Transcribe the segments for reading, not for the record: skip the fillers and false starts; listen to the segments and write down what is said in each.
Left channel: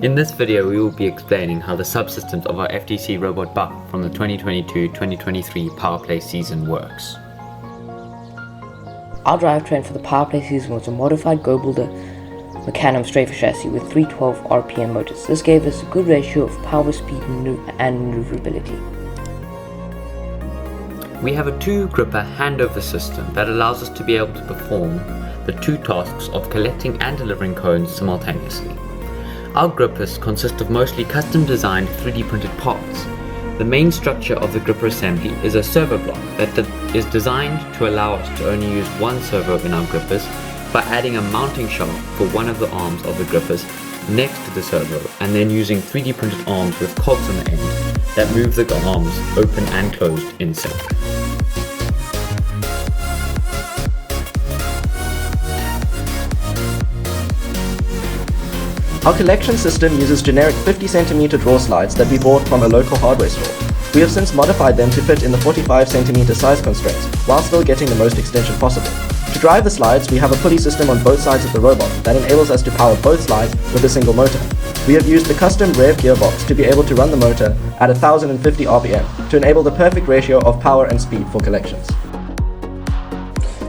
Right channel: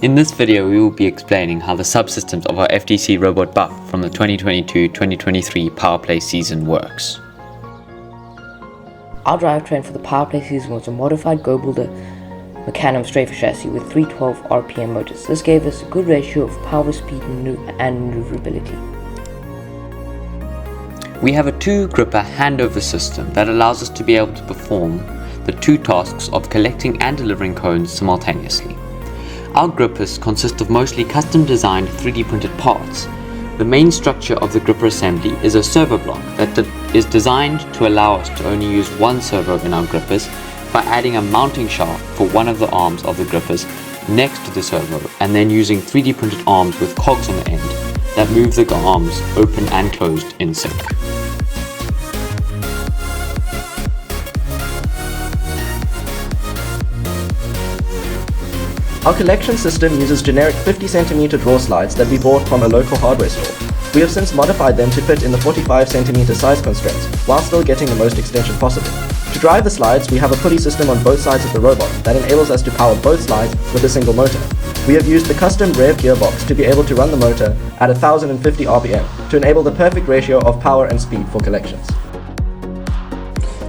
In this video, we will be explaining how the subsystems of our FDC robot Buff from the 2022-2023 Powerplay season works. Our drivetrain for the Powerplay season was a modified Go Builder Mecanum strafer chassis with 312 RPM motors. This gave us a good ratio of power, speed, and maneuverability. We have a 2-gripper handover system that allows us to be able to perform the 2 tasks of collecting and delivering cones simultaneously. Our grippers consist of mostly custom designed 3D printed parts. The main structure of the gripper assembly is a servo block that is designed to allow us to only use one servo in our grippers by adding a mounting shaft for one of the arms of the grippers next to the servo, and then using 3D printed arms with cogs on the end that move the arms open and closed in sync. Our collection system uses generic 50cm draw slides that we bought from a local hardware store. We have since modified them to fit in the 45cm size constraints, while still getting the most extension possible. To drive the slides, we have a pulley system on both sides of the robot that enables us to power both slides with a single motor. We have used the custom rev gearbox to be able to run the motor at 1050 RPM to enable the perfect ratio of power and speed for collections.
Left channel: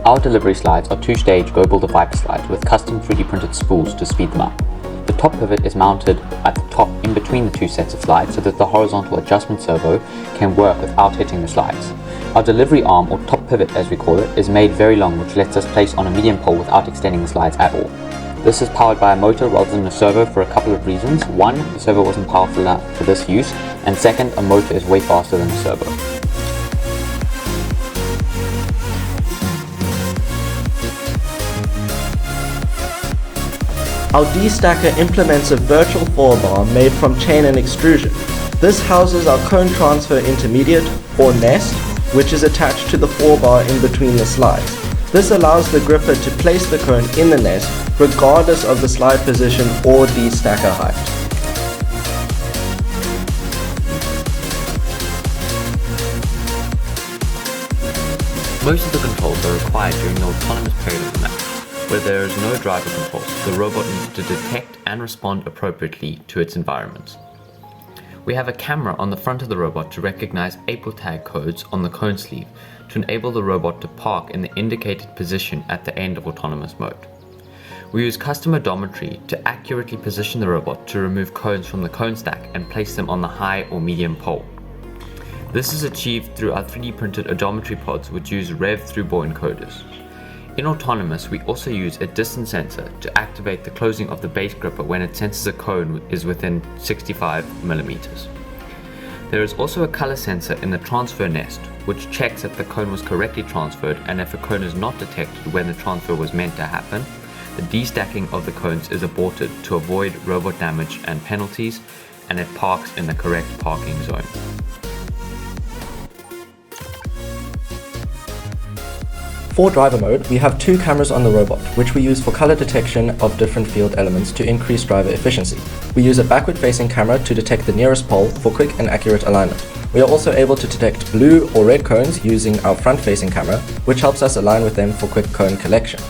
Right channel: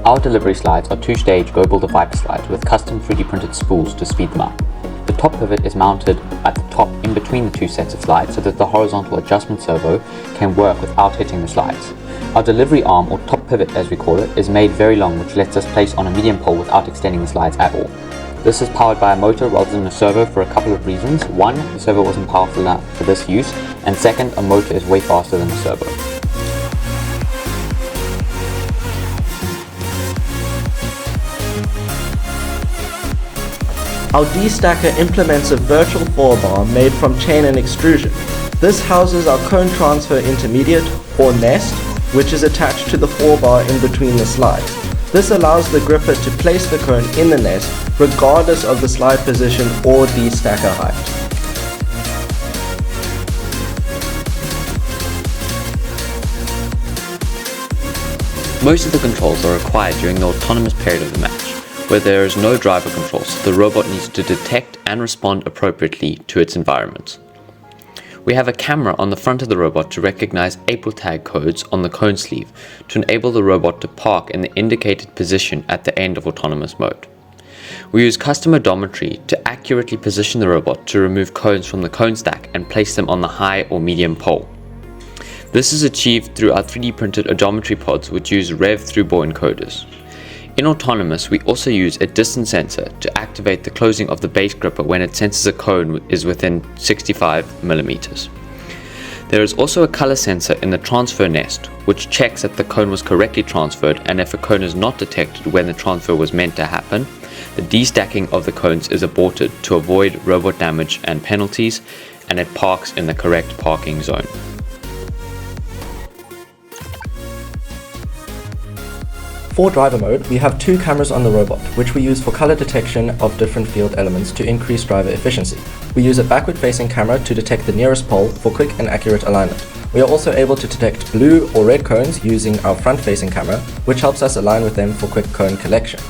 Our delivery slides are 2-stage Go Builder Viper slides with custom 3D printed spools to speed them up. The top pivot is mounted at the top in between the 2 sets of slides so that the horizontal adjustment servo can work without hitting the slides. Our delivery arm, or top pivot as we call it, is made very long, which lets us place on a medium pole without extending the slides at all. This is powered by a motor rather than a servo for a couple of reasons. One, the servo wasn't powerful enough for this use, and second, a motor is way faster than a servo. Our D-stacker implements a virtual forebar made from chain and extrusion. This houses our cone transfer intermediate, or nest, which is attached to the forebar in between the slides. This allows the gripper to place the cone in the nest regardless of the slide position or D-stacker height. Most of the controls are required during the autonomous period of the match, where there is no driver controls. The robot needs to detect and respond appropriately to its environment. We have a camera on the front of the robot to recognize April tag codes on the cone sleeve to enable the robot to park in the indicated position at the end of autonomous mode. We use custom odometry to accurately position the robot to remove cones from the cone stack and place them on the high or medium pole. This is achieved through our 3D printed odometry pods, which use rev through bore encoders. In autonomous, we also use a distance sensor to activate the closing of the base gripper when it senses a cone is within 65 mm. There is also a color sensor in the transfer nest, which checks that the cone was correctly transferred, and if a cone is not detected when the transfer was meant to happen, the destacking of the cones is aborted to avoid robot damage and penalties, and it parks in the correct parking zone. For driver mode, we have 2 cameras on the robot, which we use for color detection of different field elements to increase driver efficiency. We use a backward-facing camera to detect the nearest pole for quick and accurate alignment. We are also able to detect blue or red cones using our front-facing camera, which helps us align with them for quick cone collection.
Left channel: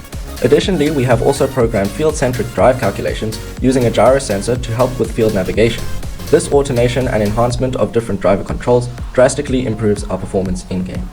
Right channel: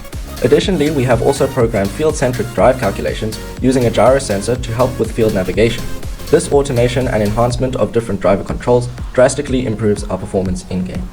Additionally, we have also programmed field-centered drive calculations using a gyro sensor to help with field navigation. This automation and enhancement of different driver controls drastically improves our performance in-game.